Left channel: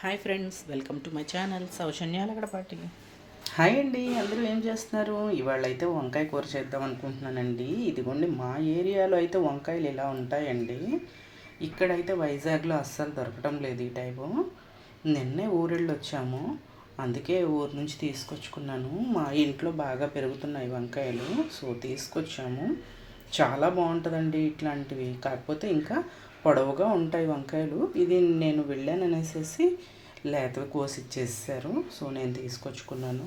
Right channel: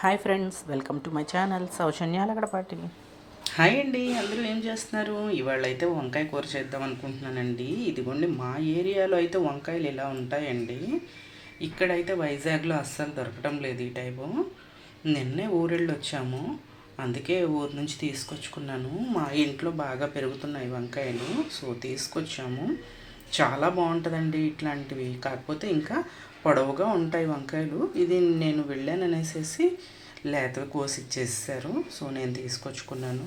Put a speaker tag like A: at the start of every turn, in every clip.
A: Hi friends welcome to my channel Soujanyala Gadapati
B: hi అండి అందరూ ఏం చేస్తున్నారు? ఇవాళ అయితే వంకాయ కూర చేద్దాం అనుకుంటున్నానండి. ఇదిగోండి మా ఏరియాలో అయితే వంకాయలు ఇలా ఉంటాయండి. ఇక్కడైతే వైజాగ్లో అస్సలు దొరకటం లేదు ఈ టైపు. నిన్నే ఊరెళ్ళు వచ్చాము అందుకే ఊరు నుంచి తీసుకొచ్చుకున్నాను. మా ఇంట్లో బాగా పెరుగుతున్నాయి వంకాయలు. సో తీసుకొచ్చాము. చాలా బాగుంటుందండి ఇట్లాంటివి. కాకపోతే ఇంకా పొడవుగా ఉంటాయి వంకాయలు. ఇది నేను వెళ్ళాను అనేసి లేతవి కోసి ఇచ్చేసారు సో నేను తీసుకొచ్చుకున్నాను.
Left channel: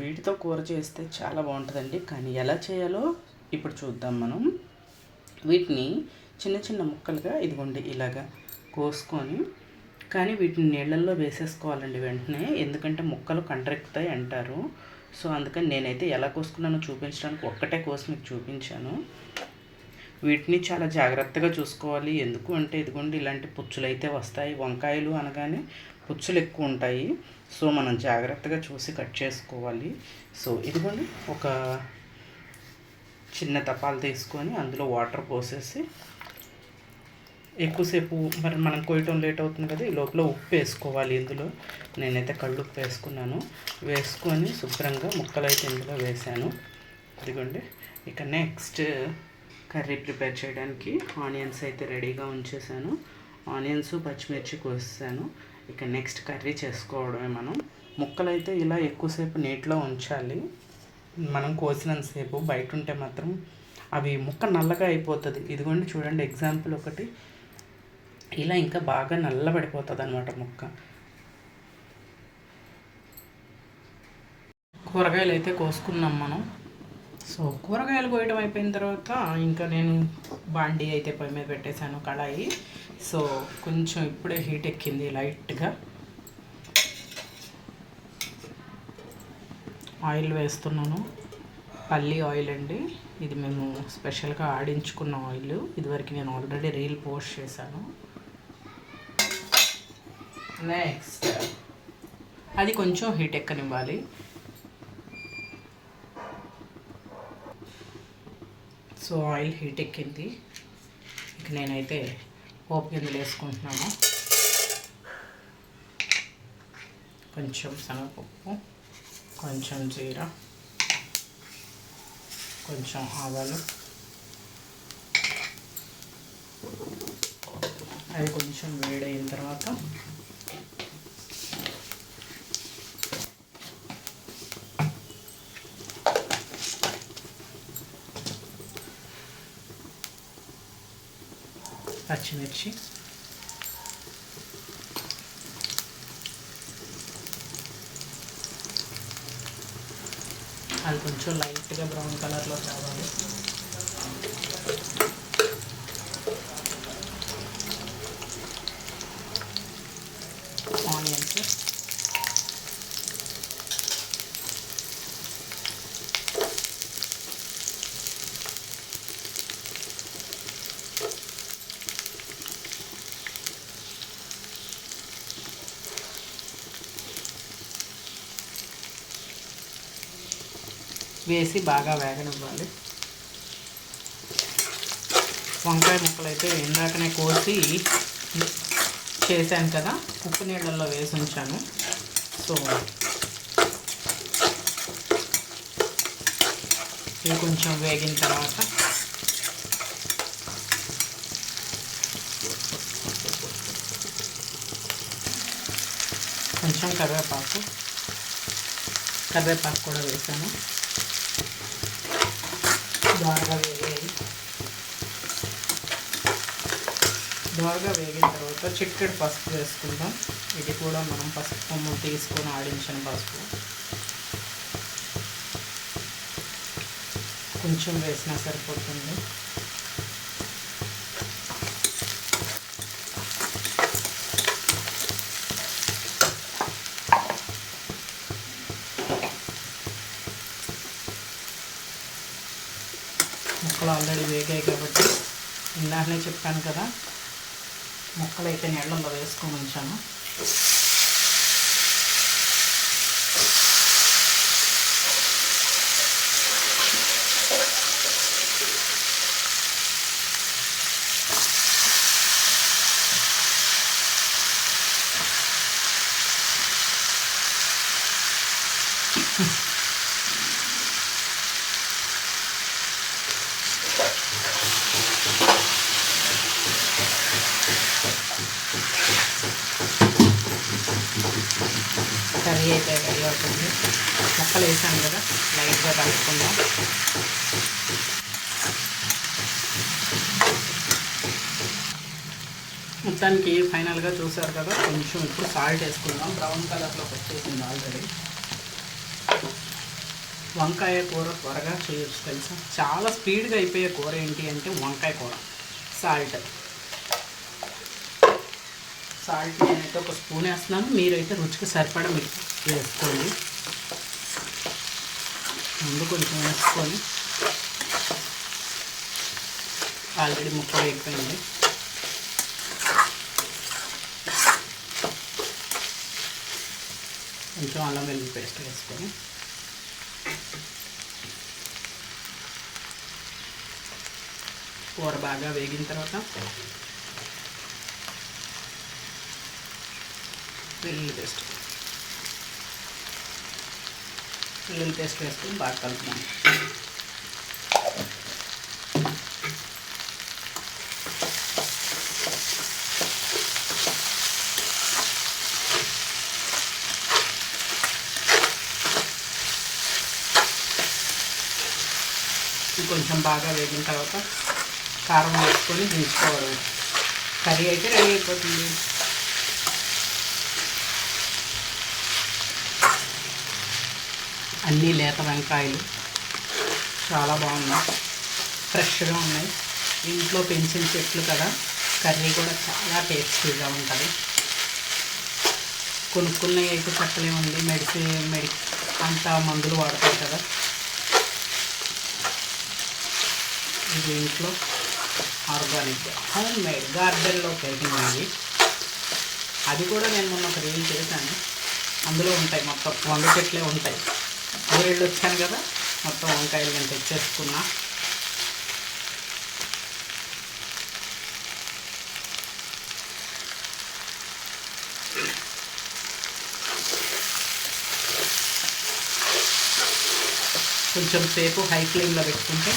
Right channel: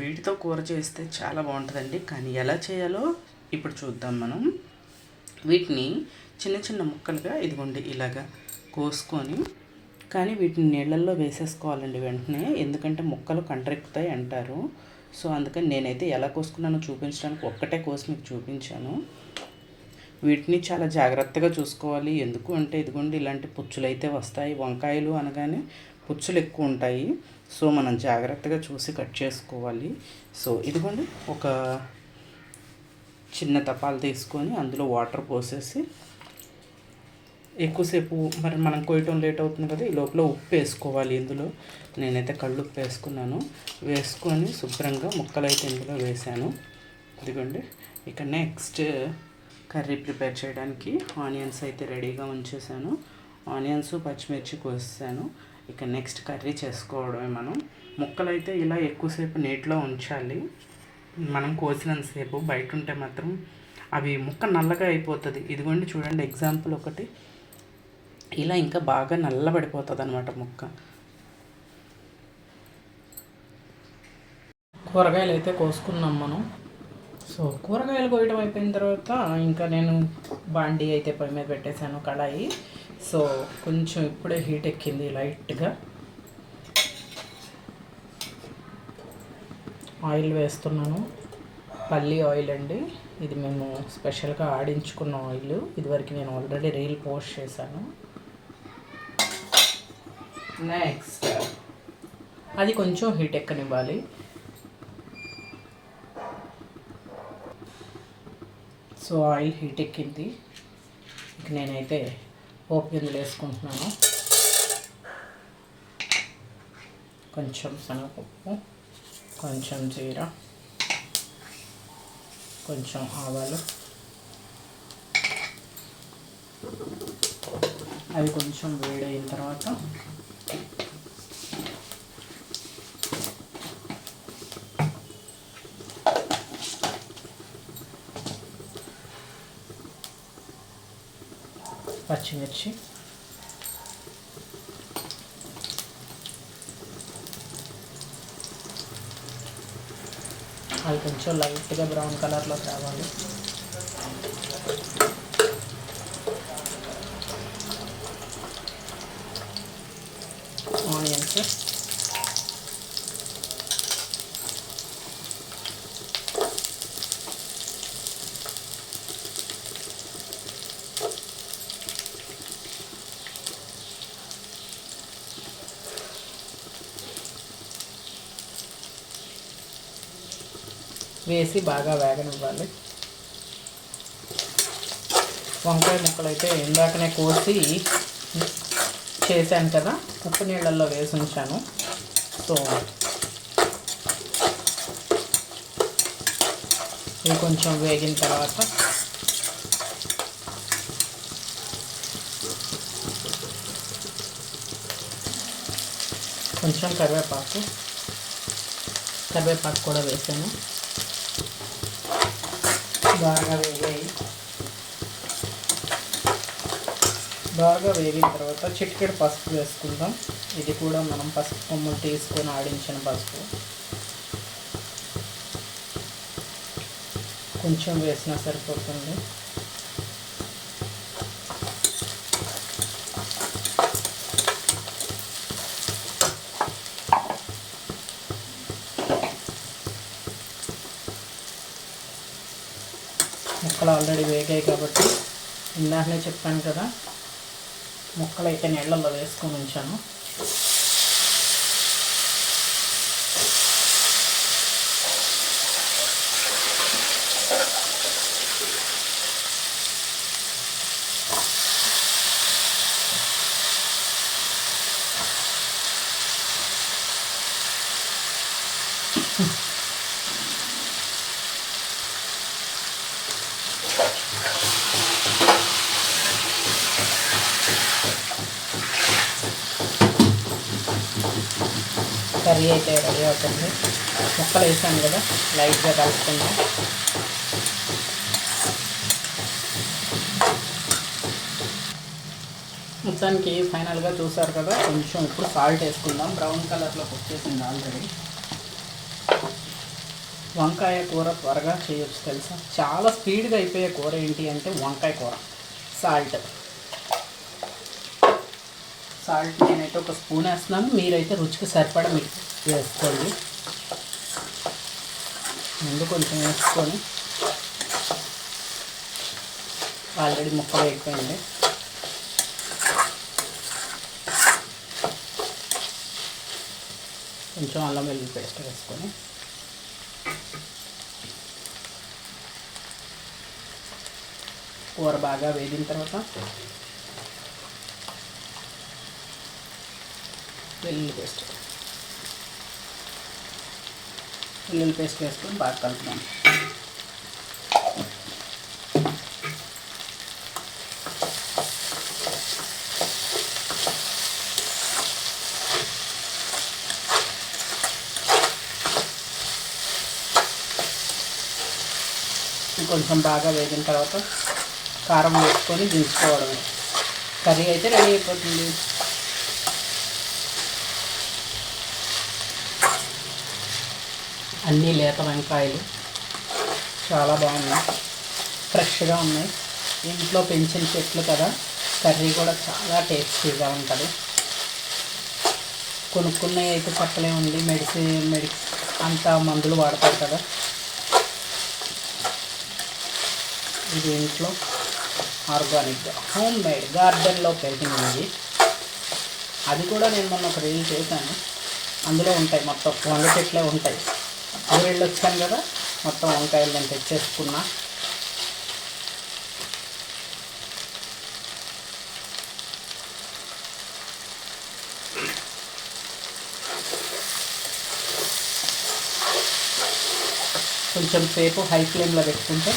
B: వీటితో కూర చేస్తే చాలా బాగుంటుందండి. కానీ ఎలా చేయాలో ఇప్పుడు చూద్దాం మనం. వీటిని చిన్న చిన్న ముక్కలుగా ఇదిగోండి ఇలాగా కోసుకొని కానీ వీటిని నీళ్ళల్లో వేసేసుకోవాలండి వెంటనే. ఎందుకంటే ముక్కలు కండ్రెక్కుతాయి అంటారు. సో అందుకని నేనైతే ఎలా కోసుకున్నానో చూపించడానికి ఒక్కటే కోసి మీకు చూపించాను. వీటిని చాలా జాగ్రత్తగా చూసుకోవాలి. ఎందుకు అంటే ఇదిగోండి ఇలాంటి పుచ్చులు అయితే వస్తాయి. వంకాయలు అనగానే పుచ్చులు ఎక్కువ ఉంటాయి. సో మనం జాగ్రత్తగా చూసి కట్ చేసుకోవాలి. సో ఇదిగోండి ఒక చిన్న తపాలు తీసుకొని అందులో వాటర్ పోసేసి ఎక్కువసేపు మరి మనం కొయ్యటం లేట్ అవుతుంది కదా ఈ లోపల ఉప్పు వేసుకోవాలి ఇందులో. నేనైతే కళ్ళు ఉప్పు వేసుకున్నాను. వేసుకొని శుభ్రంగా ముక్కలు అయితే ఇందులో వేసాను ఇదిగోండి ఇక నెక్స్ట్ కర్రీ ప్రిపేర్ చేయడానికి ఆనియన్స్ అయితే రెడీగా ఉంచేసాను. ఆనియన్స్ పచ్చిమిర్చి కోసాను ఇక నెక్స్ట్ కర్రీ చేసుకోవడమే మనం. ముక్కలు అయితే ఇలా ఎక్కువసేపు నీటిలో ఉంచాలి. మనం కోసినంతసేపు బయట ఉంటే మాత్రం అవి ముక్క నల్లగా అయిపోతుంది. ఇదిగోండి చూడండి ఎగ్జాంపుల్ ఒకటి. ఇలా ఇంకా బాగా నల్లబడిపోతుంది అనమాట ముక్క.
A: కూరగాయలు అయితే కోసుకున్నాం మనం. సో కూరగాయలు కోయడం అయిపోయిన తర్వాత ఇంకా నేను బాండీ అయితే పొయ్యి మీద పెట్టేశాను కడాయి. సో కొంచెం ఇప్పుడే హీట్ ఎక్కింది లైట్గా. ఆయిల్ వేస్తున్నాను. పల్లి ఆయిల్ అండి. ఇది మేము స్పెషల్గా ఆడించుకున్న ఆయిల్. ఇదివరకు నేను ఆల్రెడీ రీల్ పోస్ట్ చేశాను. నెక్స్ట్ అది కొంచెం హీట్ ఎక్కనివ్వాలి. సో ఆయిల్ హీట్ ఎక్కింది. ఇక నేనైతే పోపు గింజలు వేసుకుంటున్నాను. కొంచెం శనగపప్పు కొంచెం జీర కొంచెం ఆవాలు. అది కొంచెం వేడైన తర్వాత పచ్చిమిర్చి. అది కొంచెం లైట్గా బ్రౌన్ కలర్లో కావాలి ఆనియన్స్ వేసి బాగా వేగనివ్వాలి. వంకాయ ముక్కలు అయితే ఇందాకనే కోసి చేశాను కదా ఉప్పు నీళ్ళల్లో వేసి ఉంచాను. సో ఇవి కొంచెం వేగిన తర్వాత కొంచెం కరివేపాకు కరివేపాకు కూడా వేసాను. బాగా వేగాయి. బాగా వేగిన తర్వాత చిక్కడి పసుపు వేసుకుందాం. ఇది కూడా మనం పసుపు కొమ్ము తీసుకొని ఆడించిన పసుపు. కొంచెం వేసినా సరిపోతుంది. ఇందాకనే చెప్పాను కదా ముక్కలు అయితే నీళ్ళల్లో వేసుకొని ఉంచాను Mm-hmm. కర్రీ అయితే రెడీ అవుతుంది. ముక్కలు వేసాం కదా లైట్గా కలుపుకుందాం మొత్తానికి ఫైనల్గా చూసారు కదా కొంచెం ఇప్పుడు సాల్ట్ వేసుకుందాం. బ్రౌన్ కలర్లో వచ్చేసింది ఆల్రెడీ. వంకాయ కూర త్వరగా చేయొచ్చు తెలుసా? చాలా స్పీడ్గా అయిపోయే కూర ఏంటి అంటే వంకాయ కూర సాల్ట్. సాల్ట్ నేనైతే ఒక స్పూన్ వేస్తున్నాను. మీరైతే రుచికి సరిపడ మీకు వేసుకోండి. ముందు కొంచెం వేసుకొని ఆల్రెడీ ముక్క వేగిపోయింది కొంచెం అల్లం వెల్లుల్లి పేస్ట్ వేసుకొని కూర బాగా వేగిన తర్వాత వెల్లుల్లి పేస్ట్ వెల్లుల్లి పేస్ట్ వేసుకొని బాగా కలుపుతాను కొంచెం బాగా వేగిన తర్వాత కారం వేసుకొని దించుకోవడం కర్రీ అయితే రెడీ అయిపోతుంది. అన్నీ లేత వంకాయలు. చాలా బాగున్నాయి. ఫ్రెష్గా ఉన్నాయి. ఇంట్లో పెంచిన చెట్లు కదా. కర్రీ కూడా చాలా టేస్టీగా ఉంటుంది. కొనుక్కున్నవి అయితే చెప్పలే ఉంది. మెడిసిన్ మెడి అంత మందులు వాడతారు కదా. ఇది ఇంట్లో ఆర్గానిక్గా హోమ్ మేడ్ గార్డెన్లో పెరిగింది ఇది అది కూడా నేను మొన్న ఒక రీల్ చేశాను. అందులో ఉంటాయి మొత్తం వంద చెట్లే ఉంటాయి. ఊరేళ్ళు వచ్చాను కదా మొత్తం వంకాయలు నేను తెచ్చేసుకున్నా. కొంచెం సేపు హై ఫ్లేమ్లో పెట్టుకుంటే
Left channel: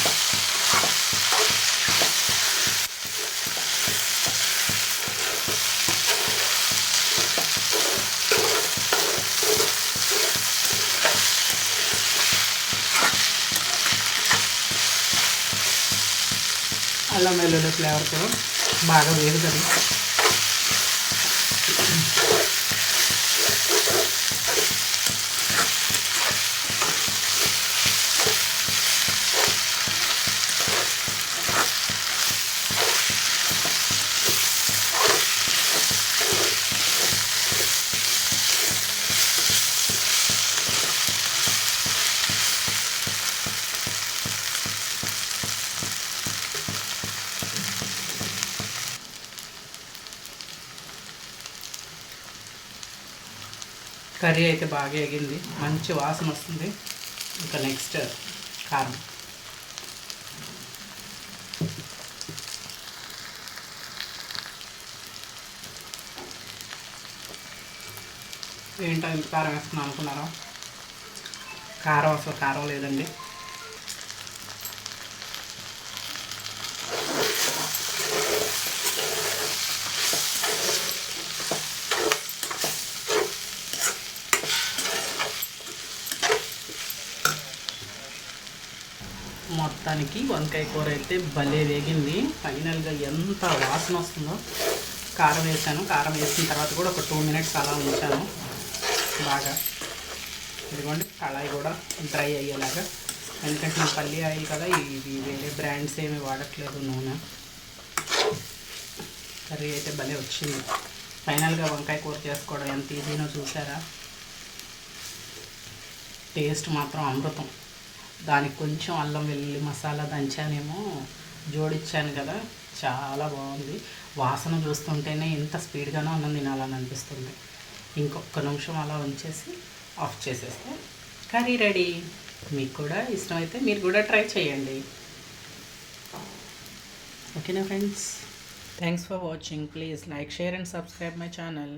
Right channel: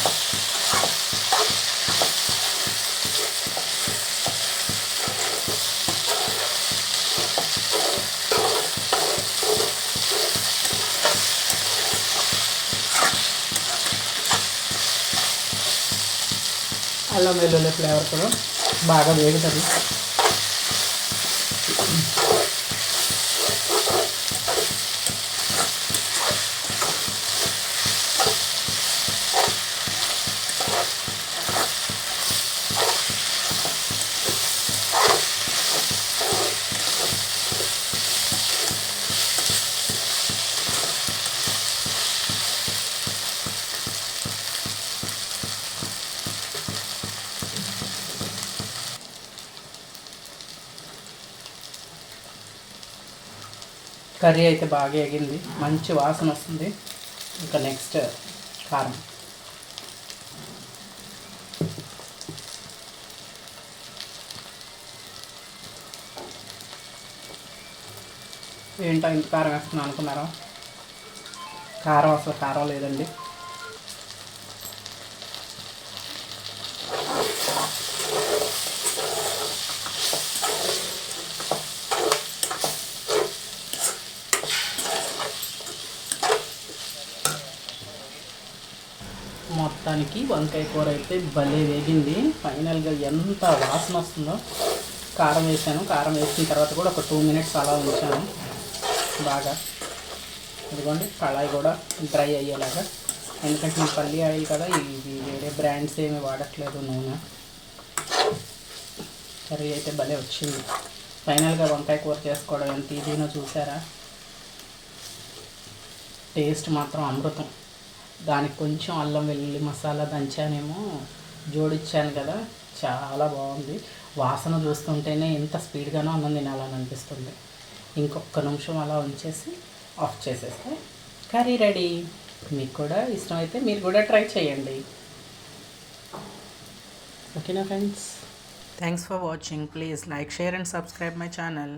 A: అల్లం వెల్లుల్లి ఫ్లేవర్తో బాగా వేగుతుంది. కర్రీ అయితే బాగా ఎగింది మంచి వాసన వస్తుంది. ఇంకా నెక్స్ట్ కారం. ఏంటో ఇంత కారం వేస్తున్నాను అనుకున్నారా? కారం అసలు కారం లేదండి. మొత్తానికి వంకాయ కూర అయితే భలే వేగింది. ఫైనల్గా ఎంత వాసన వస్తుందో కారం వేసాను. కారం వేసిన తర్వాత కూడా ఒక టూ మినిట్స్ అలా ఉంచాను. బాగా. ఇదిగోండి కళాయి కూడా డ్రై అయ్యేలాగా. ఎందుకంటే నా పల్లి ఆయిల్ కదా ఇది వేరే బ్రాండ్స్ ఏమి వాడట్లేదు నూనె. కర్రీ అయితే భలే వచ్చింది. ఫైనల్గా వంకాయ కూర చేసుకోవడం ఎంత ఈజీనో చూసారా? టేస్ట్ మాత్రం అమృతం. దానికి కొంచెం అల్లం వెల్లుల్లి మసాలా దంచానేమో జోడించాను కదా చాలా బాగుంది. వాసన చూస్తుంటేనే ఎంత స్పీడ్గానో అన్నం తినాలని అనిపిస్తుంది. ఇంకొక నిమిషం అలా ఉంచేసి ఆఫ్ చేసేస్తే కర్రీ రెడీ. మీకు కూడా ఇష్టమైతే మీరు కూడా ట్రై చేయండి. ఓకేనా friends? Thanks for watching please like share and subscribe my channel